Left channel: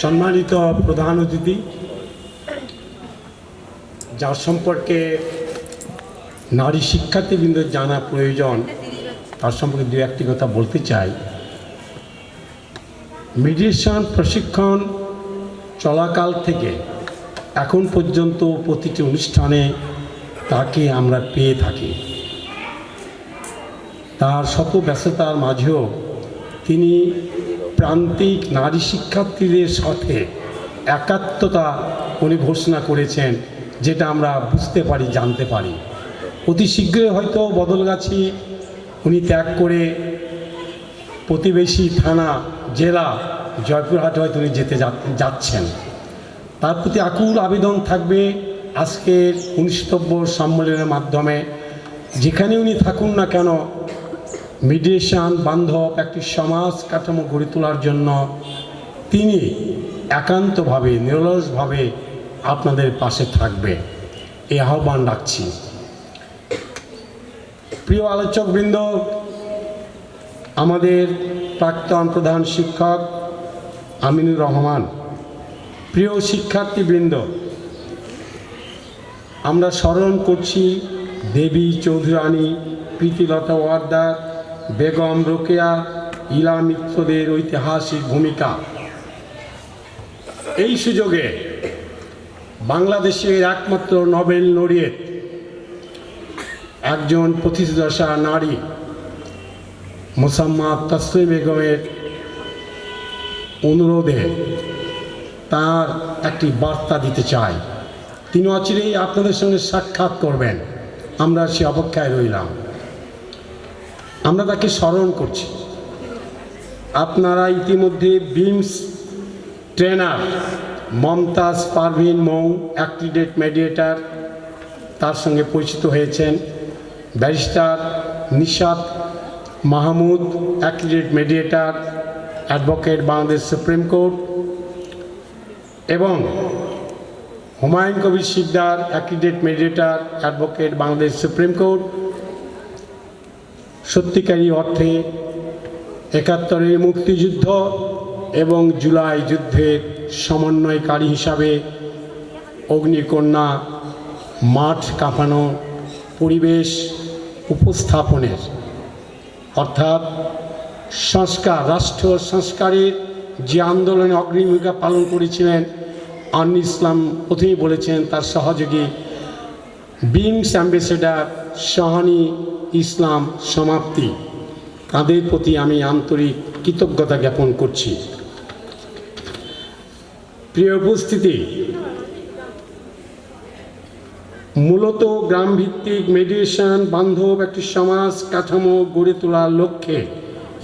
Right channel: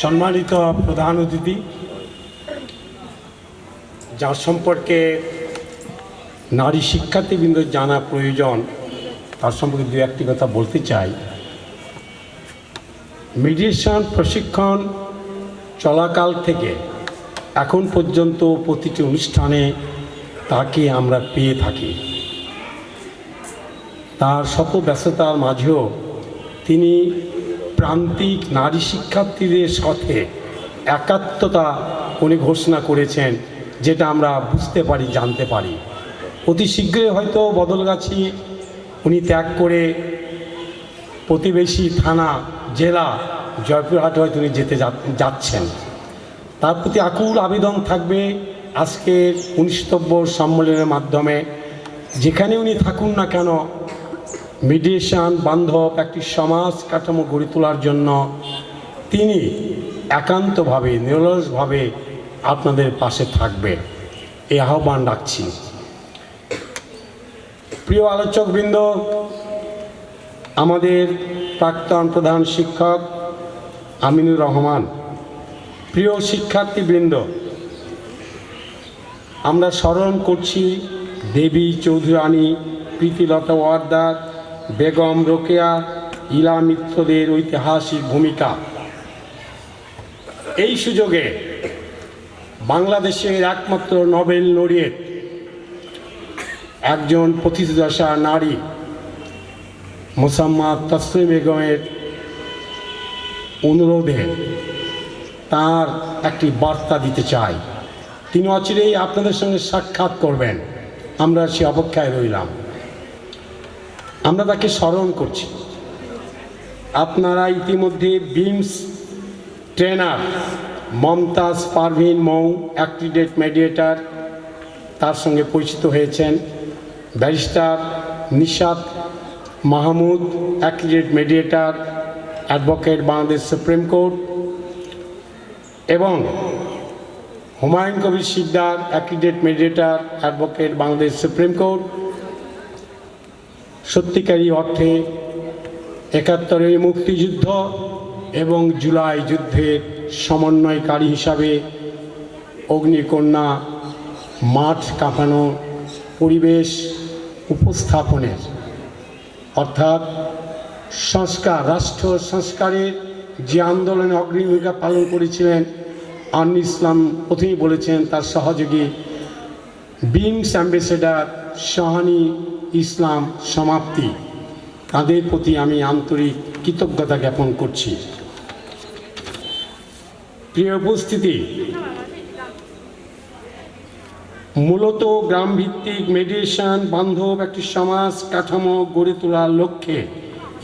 সম্মানিত প্রধান অতিথি, যার সম্পর্কে নারী শিক্ষার্থীবৃন্দ জানা প্রয়োজন তার সম্পর্কে দু একটি কথা বলতে চাই। মিডিয়েশন প্রশিক্ষণ চলাকাল থেকে এখন পর্যন্ত প্রতিটি অনুষ্ঠানে তাকে আমরা পেয়ে থাকি। তার শত ব্যস্ততার মাঝেও তিনি প্রান্তিক নারী শিক্ষার্থীদের সাথে একাত্মতা উনি ঘোষণা করেছেন, যেটা আমরা বুঝতে পারি, জানতে পারি। অতি শীঘ্রই হয়তো বদলগাছি উনি ত্যাগ করে প্রতিবেশী থানা, জেলা জয়পুরহাটে হয়তো উনি যেতে যাচ্ছেন। তার প্রতি আকুল আবেদন থাকবে আজকের 19তম সম্মেলনের মাধ্যমে, যেখানে উনি থাকুন না কেন, মিডিয়েশন বান্ধব একটি সমাজ কাঠামো গড়ে তোলার জন্য তিনি একান্তভাবে নিরলসভাবে আপনাদের পাশে থাকবে, এই আহ্বান রাখছি। প্রিয় আলোচকবৃন্দ, আমাদের প্রাক্তন প্রধান শিক্ষক আমিনুর রহমান, প্রিয় শিক্ষার্থীবৃন্দ, আমরা স্মরণ করছি দেবী চৌধুরানী, প্রীতিলতা ওয়ার্দার, বেগম রোকেয়া, ইলা মিত্রদের ঐতিহাসিক ভূমিকা। এই সুযোগে বাংলাদেশের একমাত্র নোবেল লরিয়েট, একজন পথিতদশা নারী মোসাম্মদ তসলিমা বেগমের অনুরোধে তার একটি বার্তা দিতে চাই। তিনি অচিরেই আপনাদের সঙ্গে সাক্ষাৎ করবেন, আমরা সে অপেক্ষায় রইলাম। আমরা তাকে স্মরণ করছি। আপনারা ইতিমধ্যে BIMS trainer Momtaz Parvin Mou, accredited mediator, তার সঙ্গে পরিচিত হয়েছেন। Barrister Nishat Mahmud, accredited mediator, advocate Bangladesh supreme court, এবং Humayun Kabir Shikdar, accredited mediator, advocate Bangladesh supreme court. সত্যিকারী অর্থে ৭১-এর মুক্তিযুদ্ধ এবং জুলাই যুদ্ধের সমন্বয়কারী হিসাবে অগ্নিকন্যা মাঠ কাঁপানো পরিবেশ উপস্থাপনের, অর্থাৎ সংস্কার, রাষ্ট্র সংস্কারের যে আন্দোলনে অগ্রণী ভূমিকা পালন করেছিলেন আনু ইসলাম, প্রথমেই বলেছেন তার সহযোগী বিমস অ্যাম্বাসেডার শাহানি ইসলাম সমাপ্তি, তাদের প্রতি আমি আন্তরিক কৃতজ্ঞতা জ্ঞাপন করছি। প্রিয় উপস্থিতি, মূলত গ্রামভিত্তিক মেডিয়েশন বান্ধব একটি সমাজ কাঠামো গড়ে তোলার লক্ষ্যে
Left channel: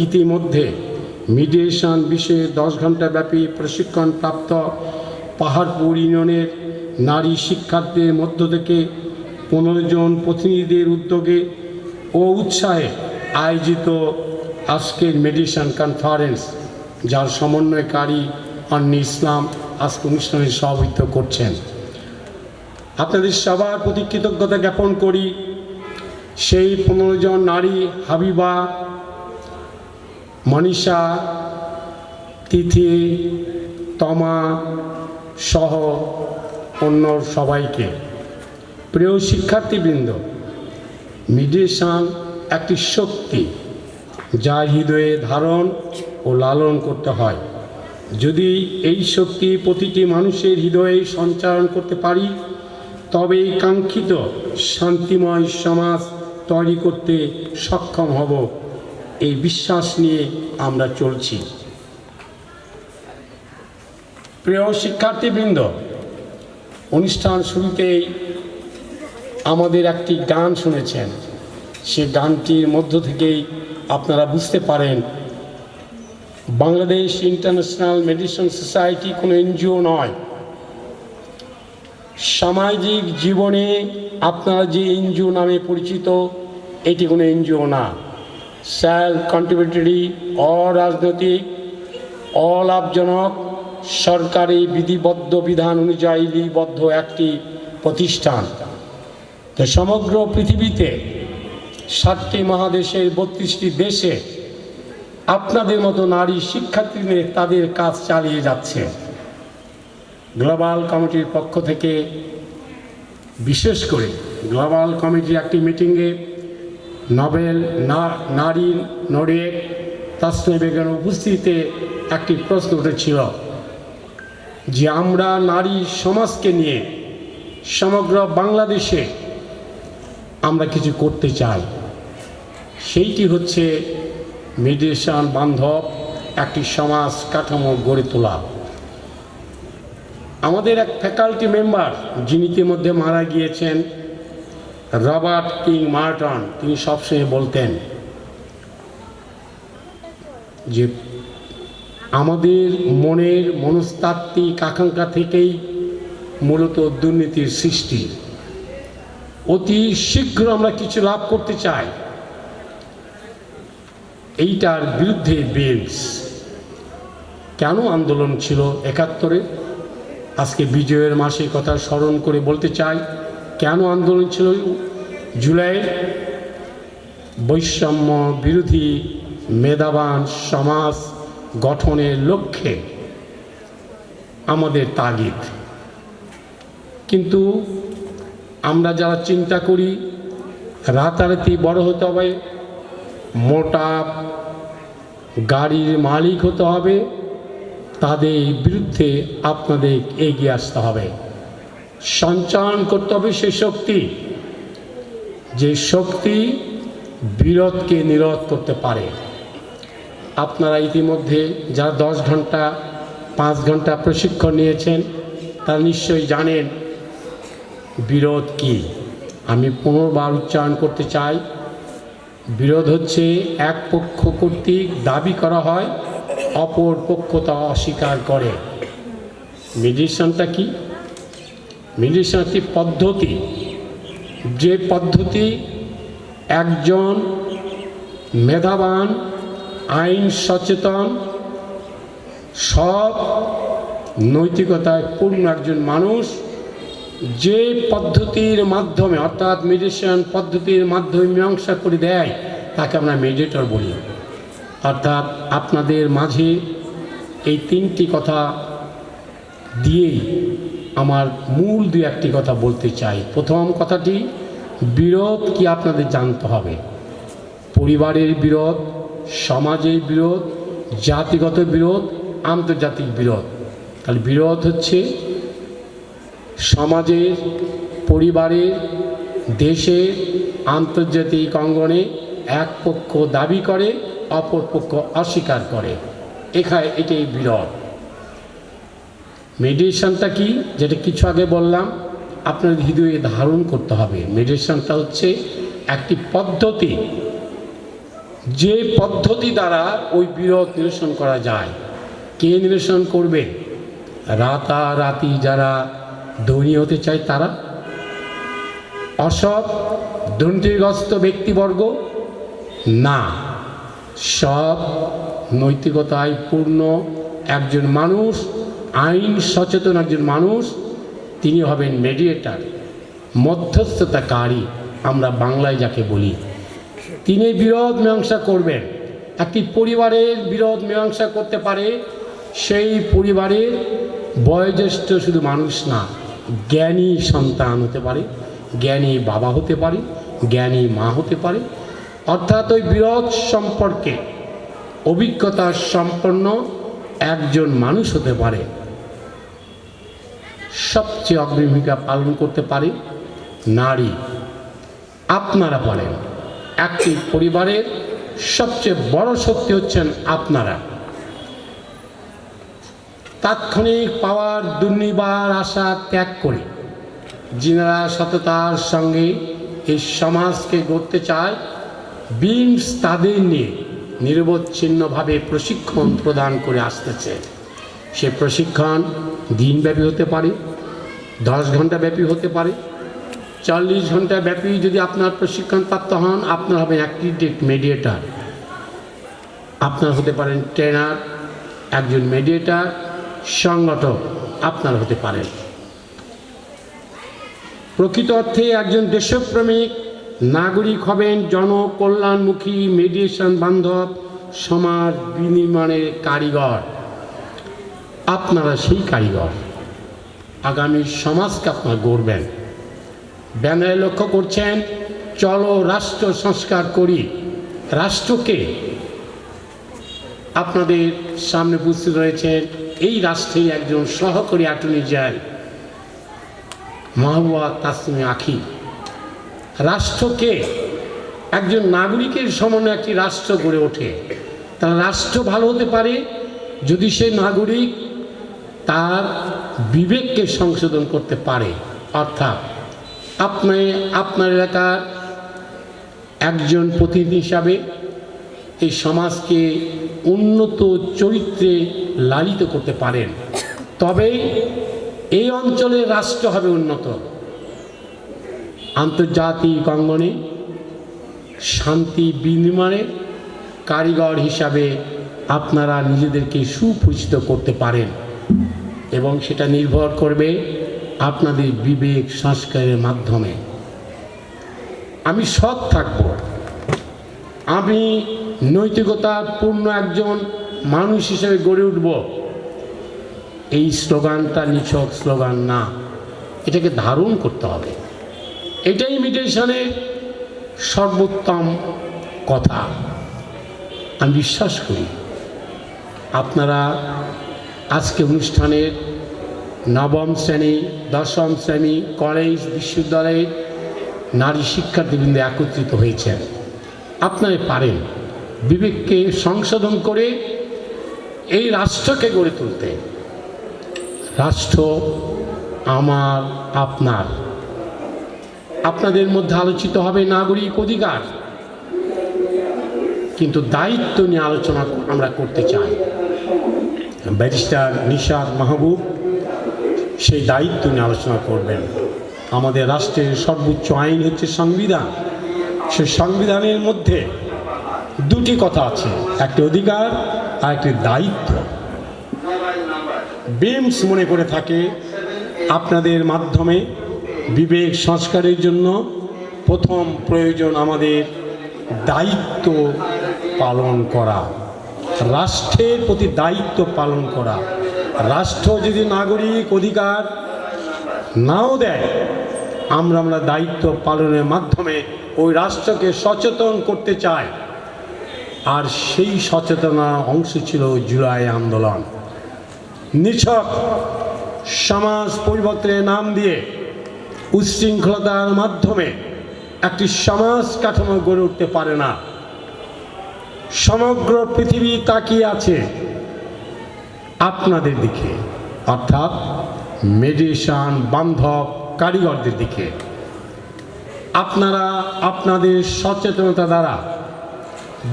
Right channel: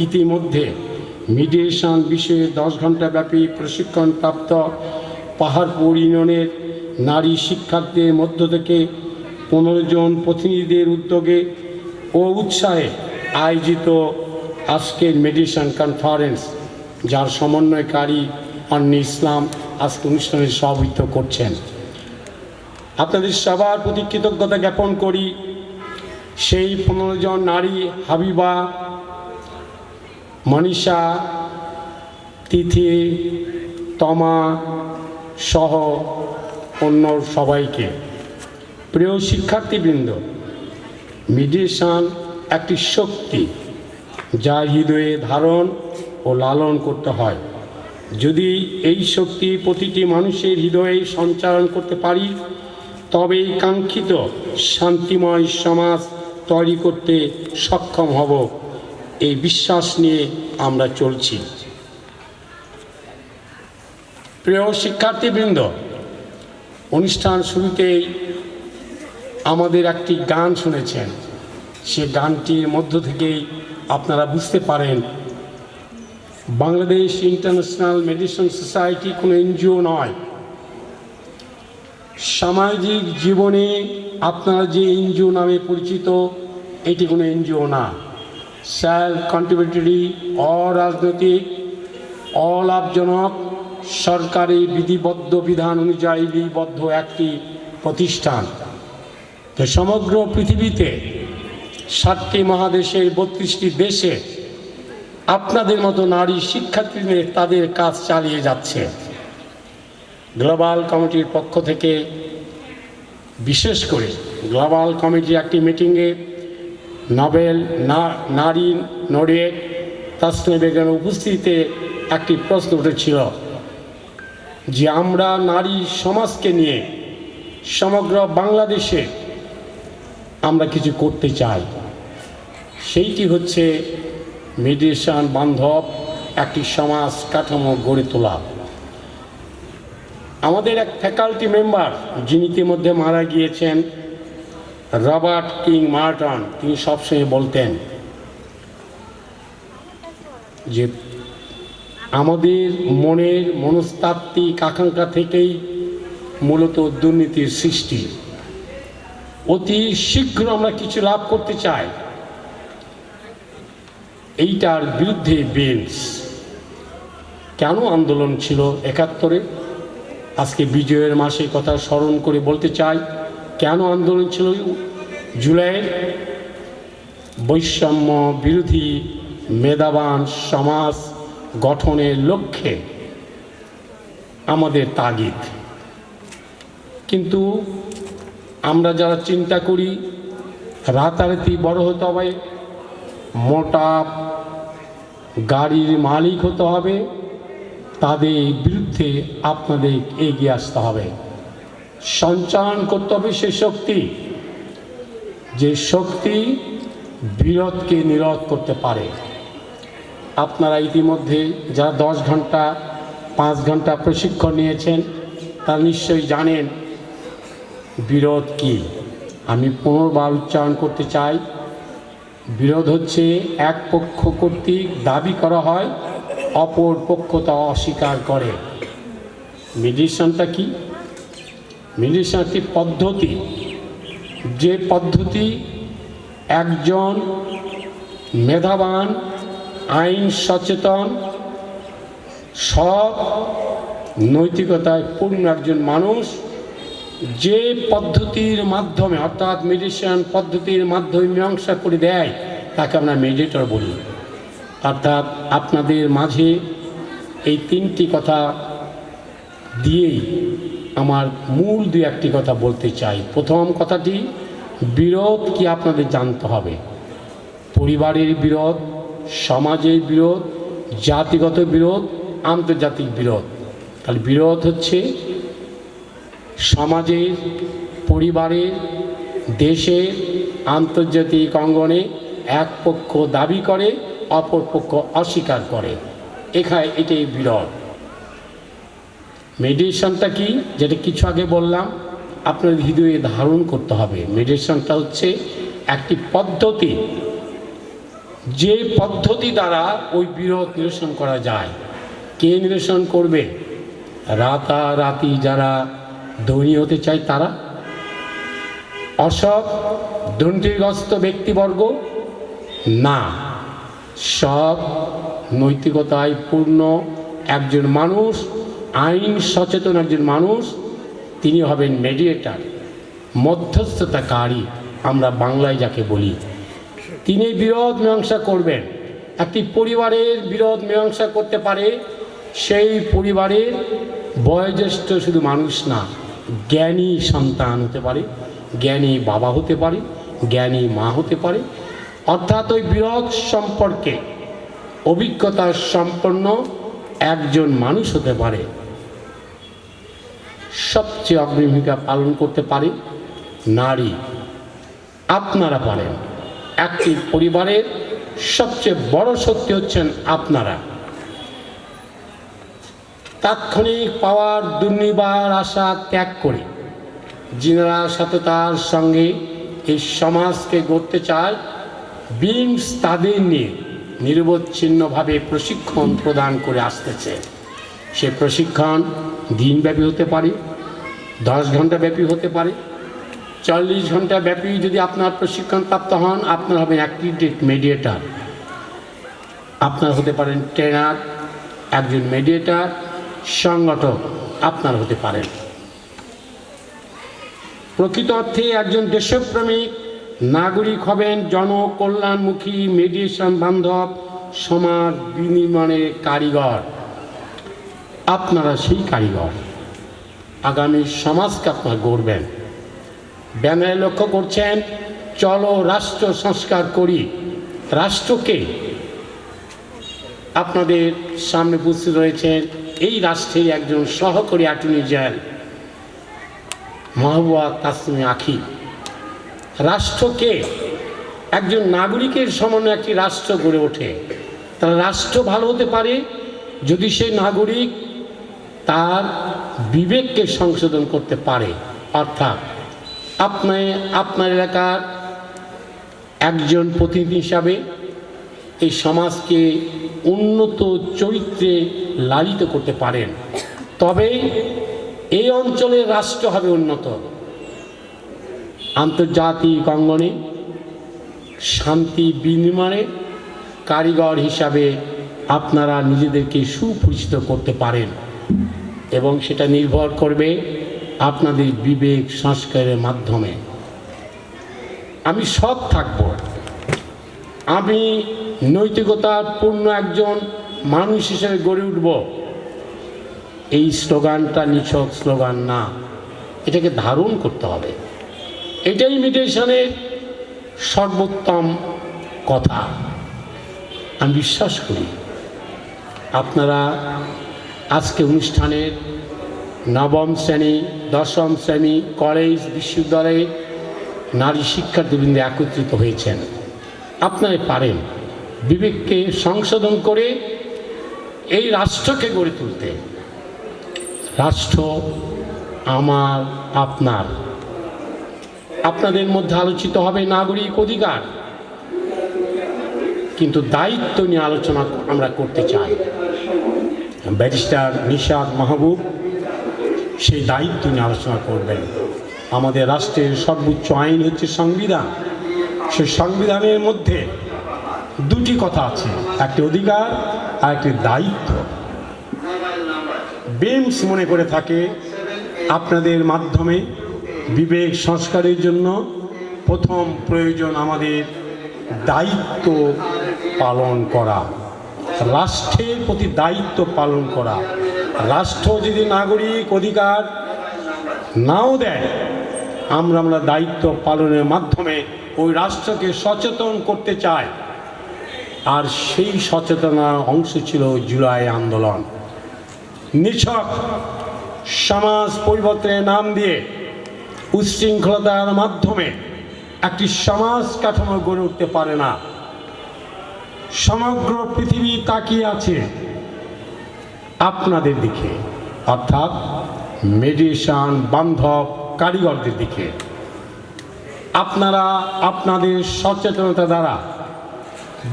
ইতিমধ্যে মিডিয়েশন বিষয়ে 10 ঘণ্টা ব্যাপী প্রশিক্ষণপ্রাপ্ত পাহাড়পুর ইউনিয়নের নারী শিক্ষার্থীদের মধ্য থেকে 15 জন প্রতিনিধিদের উদ্যোগে ও উৎসাহে আয়োজিত আজকের মেডিয়েশন কনফারেন্স, যার সমন্বয়কারী আনু ইসলাম আজকে অনুষ্ঠানে সভাপতিত্ব করছেন। আপনাদের সবার প্রতি কৃতজ্ঞতা জ্ঞাপন করি। সেই 15 জন নারী, হাবিবা, মনীষা, তিথি, তমা সহ অন্য সবাইকে। প্রিয় শিক্ষার্থীবৃন্দ, মিডিয়েশন একটি শক্তি যা হৃদয়ে ধারণ ও লালন করতে হয়। যদি এই শক্তি প্রতিটি মানুষের হৃদয়ে সঞ্চারণ করতে পারি, তবে কাঙ্ক্ষিত শান্তিময় সমাজ তৈরি করতে সক্ষম হব, এই বিশ্বাস নিয়ে আমরা চলছি। প্রিয় শিক্ষার্থীবৃন্দ, অনুষ্ঠান শুরুতেই আমাদের একটি গান শুনেছেন। সে গানটির মধ্য থেকেই আপনারা বুঝতে পারেন বাংলাদেশ ইন্টারন্যাশনাল মেডিয়েশন সোসাইটি কোনো এনজিও নয়। সামাজিক জীবনে আপনারা যে এনজিও নামে পরিচিত, এটি কোনো এনজিও না। সেলফ কন্ট্রিবিউটরি, অরাজনৈতিক, অলাভজনক, সরকারি বিধিবদ্ধ বিধান অনুযায়ী বিধিবদ্ধ একটি প্রতিষ্ঠান। তো সমগ্র পৃথিবীতে 7টি মহাদেশের 32টি দেশে আপনাদের মতো নারী শিক্ষার্থীদের তাদের কাজ চালিয়ে যাচ্ছে। গ্লোবাল কমিটির পক্ষ থেকে বিশেষ করে গ্লোবাল কমিটির একটি মিটিংয়ে নোবেল নারী নড়িয়ে তাসনিয়া বেগমের উপস্থিতিতে একটি প্রশ্ন উঠেছিল যে আমরা নারী সমাজকে নিয়ে সমগ্র বাংলাদেশে আমরা কিছু করতে চাই, সেইটি হচ্ছে মেডিটেশন বান্ধব একটি সমাজ কাঠামো গড়ে তোলা। আমাদের এক ফ্যাকাল্টি মেম্বার যিনি ইতিমধ্যে মারা গিয়েছেন, রবার্ট কিং মার্টন, তিনি সবসময় বলতেন যে আমাদের মনের মনস্তাত্ত্বিক আকাঙ্ক্ষা থেকেই মূলত দুর্নীতির সৃষ্টি। অতি শীঘ্র আমরা কিছু লাভ করতে চাই, এইটার বিরুদ্ধে বেঞ্চ কেন আন্দোলন ছিল ৭১-এ, আজকে বিজয়ের মাসে কথা স্মরণ করে বলতে চাই কেন আন্দোলন ছিল জুলাইয়ের। বৈষম্য বিরোধী মেধাবান সমাজ গঠনের লক্ষ্যে আমাদের তাগিদ। কিন্তু আমরা যারা চিন্তা করি রাতারাতি বড় হতে হবে, মোটা গাড়ির মালিক হতে হবে, তাদের বিরুদ্ধে আপনাদের এগিয়ে আসতে হবে, সঞ্চালন করতে হবে সে শক্তি, যে শক্তি বিরোধকে নিরোধ করতে পারে। আপনারা ইতিমধ্যে যারা 10 ঘন্টা 5 ঘন্টা প্রশিক্ষণ নিয়েছেন তারা নিশ্চয়ই জানেন বিরোধ কি। আমি পুনর্বার উচ্চারণ করতে চাই, বিরোধ হচ্ছে এক পক্ষ কর্তৃক দাবি করা হয়, অপর পক্ষ তা অস্বীকার করে। মেডিটেশনটা কি? মেডিটেশন একটি পদ্ধতি, যে পদ্ধতি একজন মেধাবান আইন সচেতন সৎ নৈতিকতায় পূর্ণ একজন মানুষ যে পদ্ধতির মাধ্যমে অর্থাৎ মেডিটেশন পদ্ধতির মাধ্যমে মীমাংসা করে দেয় তাকে আমরা মেডিটেটর বলি। অর্থাৎ আপনাদের মাঝে এই 3টি কথা দিয়েই আমার মূল 2-1টি কথা বলতে চাই। প্রথম কথাটি, বিরোধ কি আপনাদের জানতে হবে। পরিবারের বিরোধ, সমাজের বিরোধ, জাতিগত বিরোধ, আন্তর্জাতিক বিরোধ। তাহলে বিরোধ হচ্ছে সমাজের, পরিবারের, দেশের, আন্তর্জাতিক অঙ্গনে এক পক্ষ দাবি করে, অপর পক্ষ অস্বীকার করে, এটাই বিরোধ। মেডিটেশনটা কি, যেটা কিছু আগে বললাম, আপনার হৃদয়ে ধারণ করতে হবে। মেডিটেশনটা হচ্ছে একটি পদ্ধতি, যে পদ্ধতি দ্বারা ওই বিরোধ নিরসন করা যায়। কে নিরসন করবে? রাতারাতি যারা ধনী হতে চায় তারা, অসৎ দুর্নীতিগ্রস্ত ব্যক্তিবর্গ না, সৎ নৈতিকতায় পূর্ণ একজন মানুষ, আইন সচেতন একজন মানুষ, তিনি হবেন মেডিয়েটার, মধ্যস্থতাকারী, আমরা বাংলায় যাকে বলি। তিনি বিরোধ মীমাংসা করবেন। একটি পরিবারের বিরোধ মীমাংসা করতে পারে সেই পরিবারের বয়োজ্যেষ্ঠ শুধু মানুষ না, জ্ঞানী সন্তান হতে পারে, জ্ঞানী বাবা হতে পারে, জ্ঞানী মা হতে পারে। অর্থাৎ ওই বিরোধ সম্পর্কে অভিজ্ঞতা সম্পন্ন একজন মানুষ হতে পারে। সবচেয়ে অগ্রণী ভূমিকা পালন করতে পারে নারী। আপনারা পারেন। একটি পরিবারের সবচেয়ে বড় শক্তি হচ্ছেন আপনারা। তাৎক্ষণিক পাওয়ার দুর্নিবার আশা ত্যাগ করে যিনারা সততার সঙ্গে এই সমাজকে গড়তে চায়, বিংস তাদের নিয়ে নিরবচ্ছিন্নভাবে প্রশিক্ষণ প্রদান করে আসতেছে। সে প্রশিক্ষণ দিনব্যাপী হতে পারে, 10 ঘন্টা ব্যাপী হতে পারে, 40 ঘন্টা ব্যাপী। যদি আপনার প্রশিক্ষণ প্রাপ্ত হন, আপনার হবেন অ্যাক্টিভ মেডিয়েটার, আপনার হতে পারেন ট্রেনার, একজন মেডিয়েটার, সংগঠক আপনার হতে পারেন। প্রকৃত অর্থে একজন দেশপ্রেমিক নাগরিক হবেন, জনকল্যাণমুখী মেডিটেশন বান্ধব সমাজ বিনির্মাণের কারিগর। আপনারা সেই কারিগর। আগামী সমাজকে আপনারা গড়বেন। ব্যানারে লক্ষ্য করছেন, চলো রাষ্ট্র সংস্কার করি। রাষ্ট্রকে আপনাদের সামনে উপস্থিত রয়েছেন এই রাষ্ট্রের একজন সহকারী অ্যাটর্নি জেনারেল মাহবুবা তাসনিম আখি। রাষ্ট্রকে একজন নাগরিকের সমন্বয়ে একটি রাষ্ট্র গড়ে ওঠে। তার রাষ্ট্র ভালো হতে পারে যদি সেই নাগরিক তার বিবেককে সংশোধন করতে পারে, অর্থাৎ আপনি আপনার এলাকার একজন প্রতিনিধি হিসাবে এই সমাজকে উন্নত চরিত্রে লালিত করতে পারেন, তবেই এই অঞ্চলের রাষ্ট্র হবে উন্নত। আন্তর্জাতিক অঙ্গনে শান্তি বিনির্মাণের কারিগর হিসাবে আপনারা নিজেদেরকে সুপরিচিত করতে পারেন এবং সেটা নির্ভর করবে আপনাদের বিবেক সংস্কারের মাধ্যমে। আমি সৎ থাকব, আমি নৈতিকতার পূর্ণ একজন মানুষ হিসেবে গড়ে উঠব, এই স্লোগানটা নিছক স্লোগান না, এটাকে ধারণ করতে হবে। এটাই মিডিয়েশনের সর্বোত্তম কথা। আমি বিশ্বাস করি আপনারা আজকে অনুষ্ঠানের নবম শ্রেণী, দশম শ্রেণী, কলেজ, বিশ্ববিদ্যালয়ে নারী শিক্ষার্থীবৃন্দ একত্রিত হয়েছেন। আপনারা পারেন বিবেককে সংশোধন করে এই রাষ্ট্রকে গড়ে তুলতে। রাষ্ট্র আমার, আপনার। আপনাদের মধ্যে আলোচিত হবে নাগরিক অধিকার, কিন্তু দায়িত্ব নিয়ে আলোচনা আমরা করতে চাই। ব্যারিস্টার নিশাত মাহবুব সেই দায়িত্ব নিয়ে আলোচনা করবেন। আমাদের রাষ্ট্রের সর্বোচ্চ আইন হচ্ছে সংবিধান। সেই সংবিধানের মধ্যে দুটি কথা আছে, একটি অধিকার আর একটি দায়িত্ব। বিমস মনে করে থাকে আপনাদের মাধ্যমে বিবেক সংস্কারের জন্য প্রথম প্রয়োজন আমাদের দায়িত্ব পালন করা, রাষ্ট্রের প্রতি দায়িত্ব পালন করা। রাষ্ট্র যদি নাগরিক অধিকার নাও দেয়, আমরা দায়িত্ব পালনের মাধ্যমে ওই রাষ্ট্রকে সচেতন করতে চাই। আর সেই সচেতনার অংশ ছিল জুলাই আন্দোলন। নিছক সমাজ পরিবর্তনের নাম দিয়ে উচ্ছৃঙ্খলতার মাধ্যমে একটি সমাজ কাঠামো গড়ে উঠতে পারে না। সমগ্র পৃথিবী তাকিয়ে আছে আপনাদের দিকে, অর্থাৎ মেডিয়েশন বান্ধব কারিগরদের দিকে। আপনারা আপনাদের সচেতনতা দ্বারা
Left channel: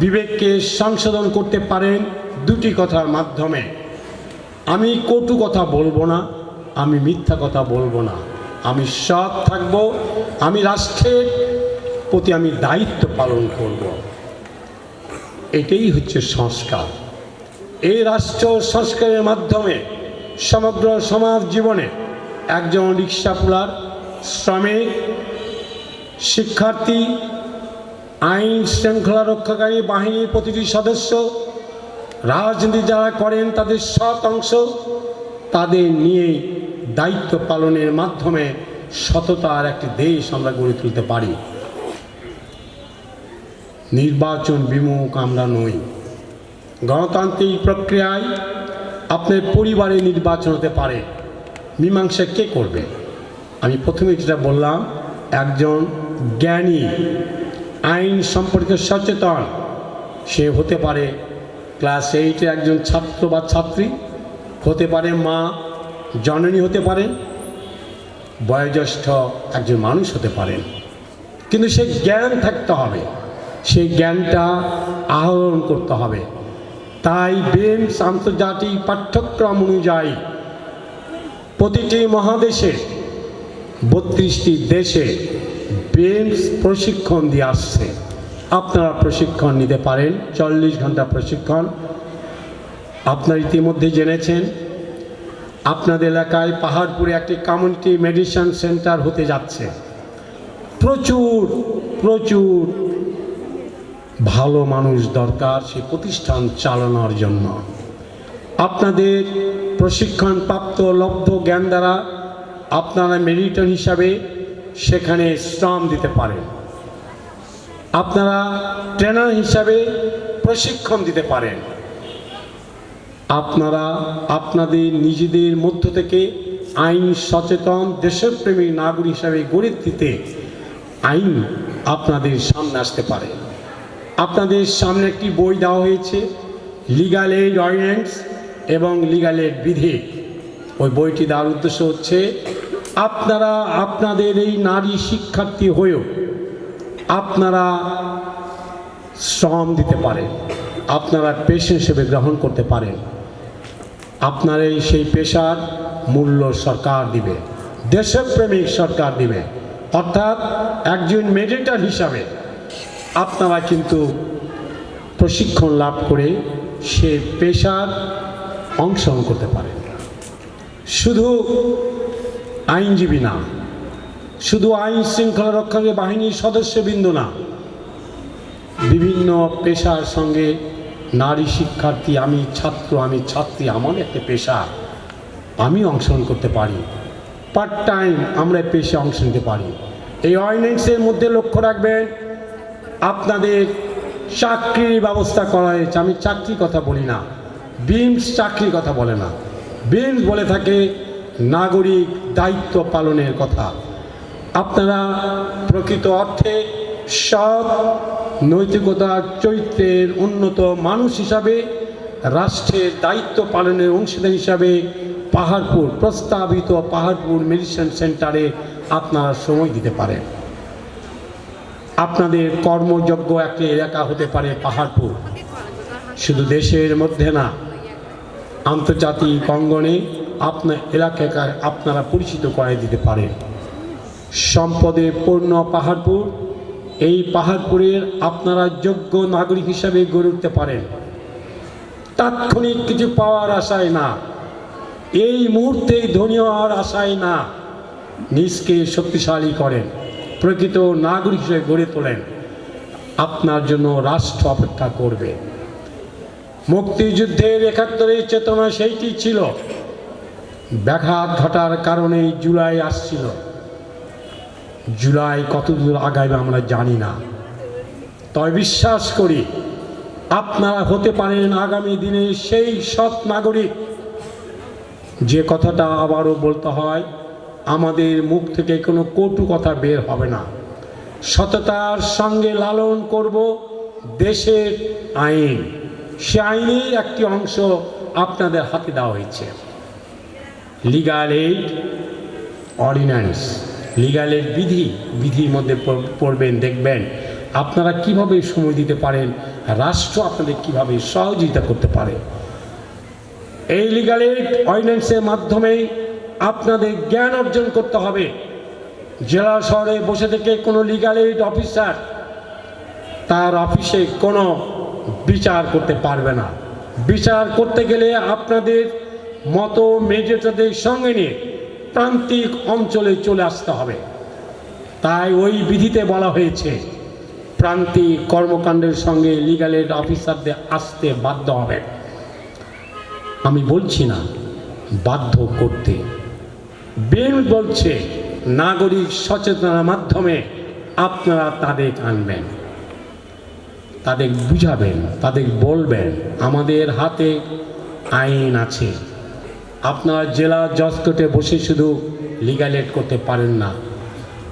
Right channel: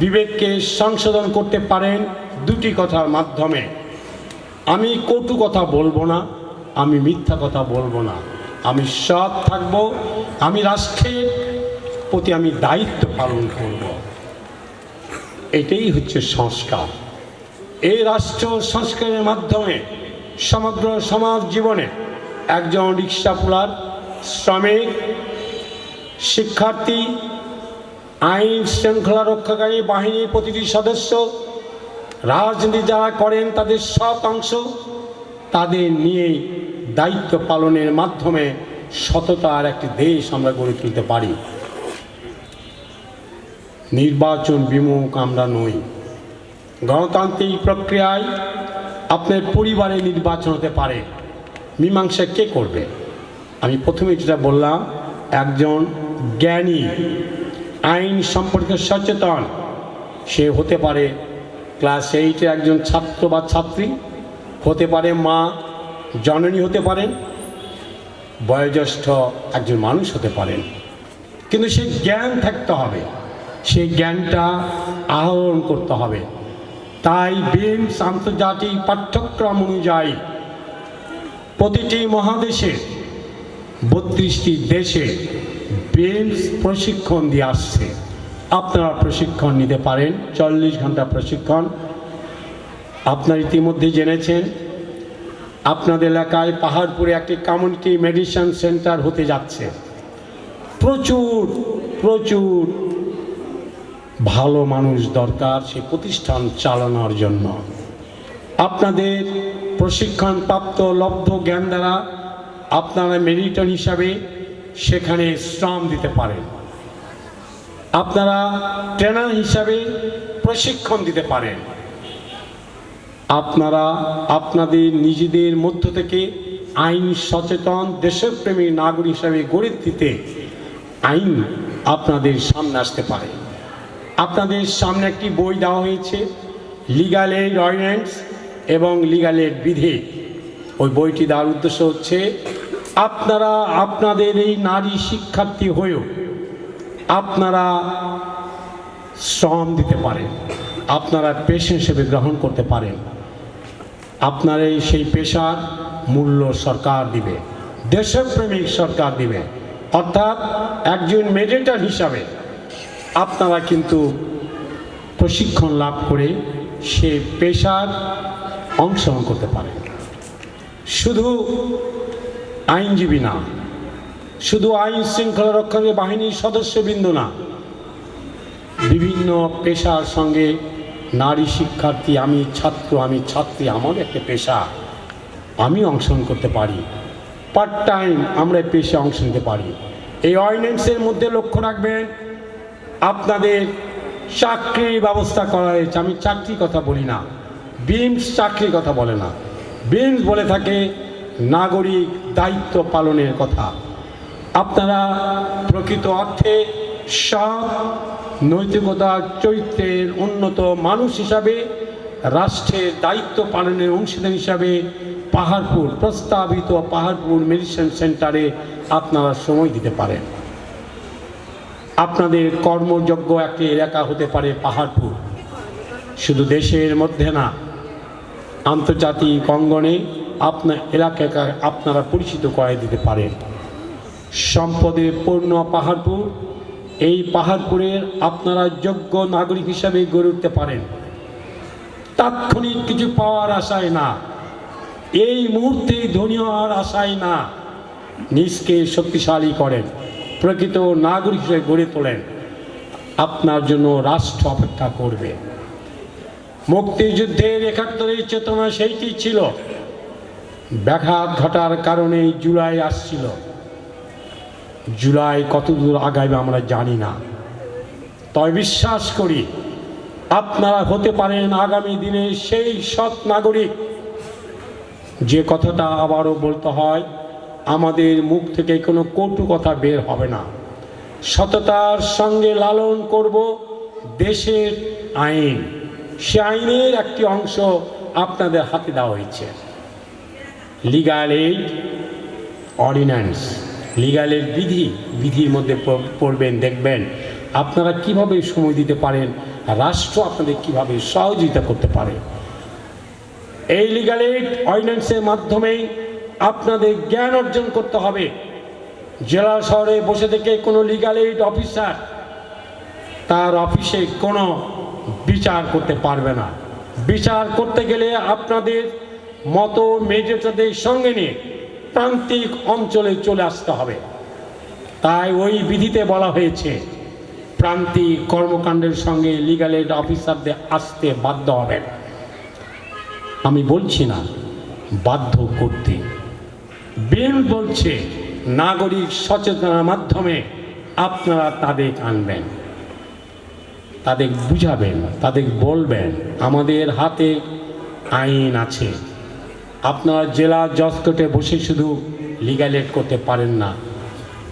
বিবেককে সংশোধন করতে পারেন দুটি কথার মাধ্যমে। আমি কটু কথা বলবো না, আমি মিথ্যা কথা বলবো না, আমি সৎ থাকব, আমি রাষ্ট্রের প্রতি আমি দায়িত্ব পালন করব। এটাই হচ্ছে সংস্কার। এই রাষ্ট্র সংস্কারের মাধ্যমে সমগ্র সমাজ জীবনে একজন রিক্সাপুলার, শ্রমিক, শিক্ষার্থী, আইন শৃঙ্খলা রক্ষাকারী বাহিনীর প্রতিটি সদস্য, রাজনীতি যারা করেন তাদের সৎ অংশ, তাদের নিয়েই দায়িত্ব পালনের মাধ্যমে সততার একটি দেশ আমরা গড়ে তুলতে পারি। নির্বাচন বিমুখ আমরা নই। গণতান্ত্রিক প্রক্রিয়ায় আপনার পরিবারে নির্বাচন হতে পারে, মীমাংসা কে করবে? আমি প্রথমে যেটা বললাম, একজন জ্ঞানী, আইন সম্পর্কে সচেতন, সে হতে পারে ক্লাস 8-এর একজন ছাত্র বা ছাত্রী, হতে পারে মা, জননী হতে পারেন, বয়োজ্যেষ্ঠ একজন মানুষ হতে পারেন, কিন্তু সে জ্ঞান থাকতে হবে, সেই জ্ঞানটা আহরণ করতে হবে। তাই বিমস আন্তর্জাতিক পাঠ্যক্রম অনুযায়ী প্রতিটি মহাদেশে 32টি দেশে বিমস প্রশিক্ষণ দিয়ে আসছে। আপনারা প্রশিক্ষণ নিতে পারেন, 40 ঘন্টা প্রশিক্ষণ। আপনারা ইতিমধ্যে জেনেছেন আপনাদের এলাকায় পাহাড়পুরে একটি কমিউনিটি মেডিসিন সেন্টার হতে যাচ্ছে। প্রচুর প্রচুর ভালো মানুষ দরকার সেই প্রতিষ্ঠান চালানোর জন্য। আপনাদের প্রশিক্ষণপ্রাপ্ত লব্ধ জ্ঞান দ্বারা আপনারা মেডিটেশন হিসাবে সেখানে শ্রম দিতে পারেন। আপনারা ট্রেনার হিসাবে প্রশিক্ষণ দিতে পারেন। আপনারা আপনাদের নিজেদের মধ্য থেকে আইন সচেতন দেশপ্রেমী নাগরিক হিসাবে গড়ে দিতে আইন আপনাদের সামনে আসতে পারে। আপনাদের সামনে একটি বই দেওয়া হয়েছে, লিগাল এইড অর্ডিন্যান্স এবং লিগাল এইড বিধি। ওই বইটি দেওয়ার উদ্দেশ্য হচ্ছে আপনারা আপনাদের এই নারী শিক্ষার্থী হয়েও আপনারা শ্রম দিতে পারেন, আপনারা পেশা হিসেবে গ্রহণ করতে পারেন। আপনার সেই পেশার মূল্য সরকার দিবে, দেশপ্রেমিক সরকার দিবে। অর্থাৎ একজন মেডিটেটর হিসাবে আপনারা কিন্তু প্রশিক্ষণ লাভ করে সে পেশার অংশগ্রহণ করতে পারেন। শুধু আইনজীবী না, শুধু আইন শৃঙ্খলা রক্ষাকারী বাহিনীর সদস্যবৃন্দ না, বিভিন্ন পেশার সঙ্গে নারী শিক্ষার্থী, আমি ছাত্র, আমি ছাত্রী, আমার একটা পেশা, আমি অংশগ্রহণ করতে পারি। পার্ট টাইম আমরা পেশে অংশ নিতে পারি। এই অর্ডিন্যান্সের মধ্যে লক্ষ্য রাখবেন, আপনাদের চাকরির ব্যবস্থা করা হয়েছে। আমি চাকরির কথা বলি না, বিমস চাকরির কথা বলে না, বিমস বলে থাকে নাগরিক দায়িত্ব পালনের কথা। আপনারা প্রকৃত অর্থে সৎ নৈতিকতা চরিত্রের উন্নত মানুষ হিসাবে রাষ্ট্রের দায়িত্ব পালনের অংশীদার হিসাবে পাহাড়পুর, প্রস্তাবিত পাহাড়পুর মেডিটেশন সেন্টারে আপনারা সময় দিতে পারেন। আপনাদের কর্মযোগ্য একটি এলাকা হতে পারে পাহাড়পুর। শুধু দেশের মধ্যে না, আন্তর্জাতিক অঙ্গনে আপনার এলাকায় আপনারা পরিচিত করে দিতে পারেন। সম্পদে পূর্ণ পাহাড়পুর, এই পাহাড়পুরের আপনারা যোগ্য নাগরিক হিসাবে গড়ে উঠতে পারেন। তাৎক্ষণিক কিছু পাওয়ার আশায় না, এই মুহূর্তে ধনী হওয়ার আশায় না, নিজকে শক্তিশালী করেন, প্রকৃত নাগরিক হিসেবে গড়ে তোলেন। আপনার জন্য রাষ্ট্র অপেক্ষা করবে। মুক্তিযুদ্ধের ৭১-এর চেতনা সেইটি ছিল। ব্যাঘাত ঘটার কারণে জুলাই আসছিল। জুলাই কতদূর আগাবে আমরা জানি না, তবে বিশ্বাস করি আপনারা হতে পারেন আগামী দিনে সেই সৎ নাগরিক। যে কথাটা আবারও বলতে হয়, আমাদের মুখ থেকে কোনো কটু কথা বের হবে না। সততার সঙ্গে লালন করব দেশের আইন। সে আইনের একটি অংশ আপনাদের হাতে দেওয়া হয়েছে, legal aid ordinance, legal aid বিধি। বিধির মধ্যে পড়বেন, দেখবেন আপনারা কিভাবে সময় দিতে পারেন, রাষ্ট্র আপনাদের কিভাবে সহযোগিতা করতে পারে। এই লিগাল এইড অর্ডিন্যান্সের মাধ্যমেই আপনাদের জ্ঞান অর্জন করতে হবে। জেলা শহরে বসে থেকে কোনো লিগাল এইড অফিসার তার অফিসে কোনো বিচার করতে পারবে না। বিচার করতে গেলে আপনাদের মতো মেডিটেটরদের সঙ্গে নিয়ে প্রান্তিক অঞ্চলে চলে আসতে হবে। তাই ওই বিধিতে বলা হয়েছে প্রান্তিক কর্মকাণ্ডের সঙ্গে লিগাল এইড অফিসারদের আসতে বাধ্য হবেন। আমি বলছি না বাধ্য করতে, বিল বলছে নাগরিক সচেতনার মাধ্যমে আপনারা তাদের আনবেন, তাদের বুঝাবেন, তাদের বলবেন আমাদের হাতে আইন আছে। আপনারা জেলা জজ কোর্টে বসে শুধু লিগাল এইড করতে পারেন না।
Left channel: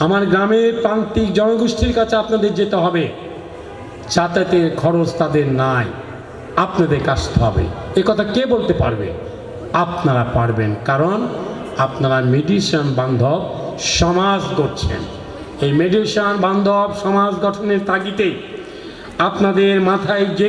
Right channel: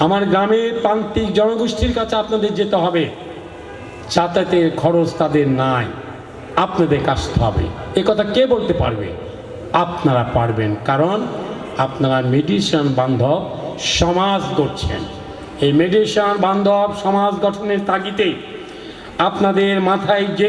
আমার গ্রামের প্রান্তিক জনগোষ্ঠীর কাছে আপনাদের যেতে হবে, যাতায়াতের খরচ তাদের নাই, আপনাদের আসতে হবে। এ কথা কে বলতে পারবে? আপনারা পারবেন, কারণ আপনারা মেডিটেশন বান্ধব সমাজ গড়ছেন। এই মেডিটেশন বান্ধব সমাজ গঠনের তাগিদে আপনাদের মাথায় যে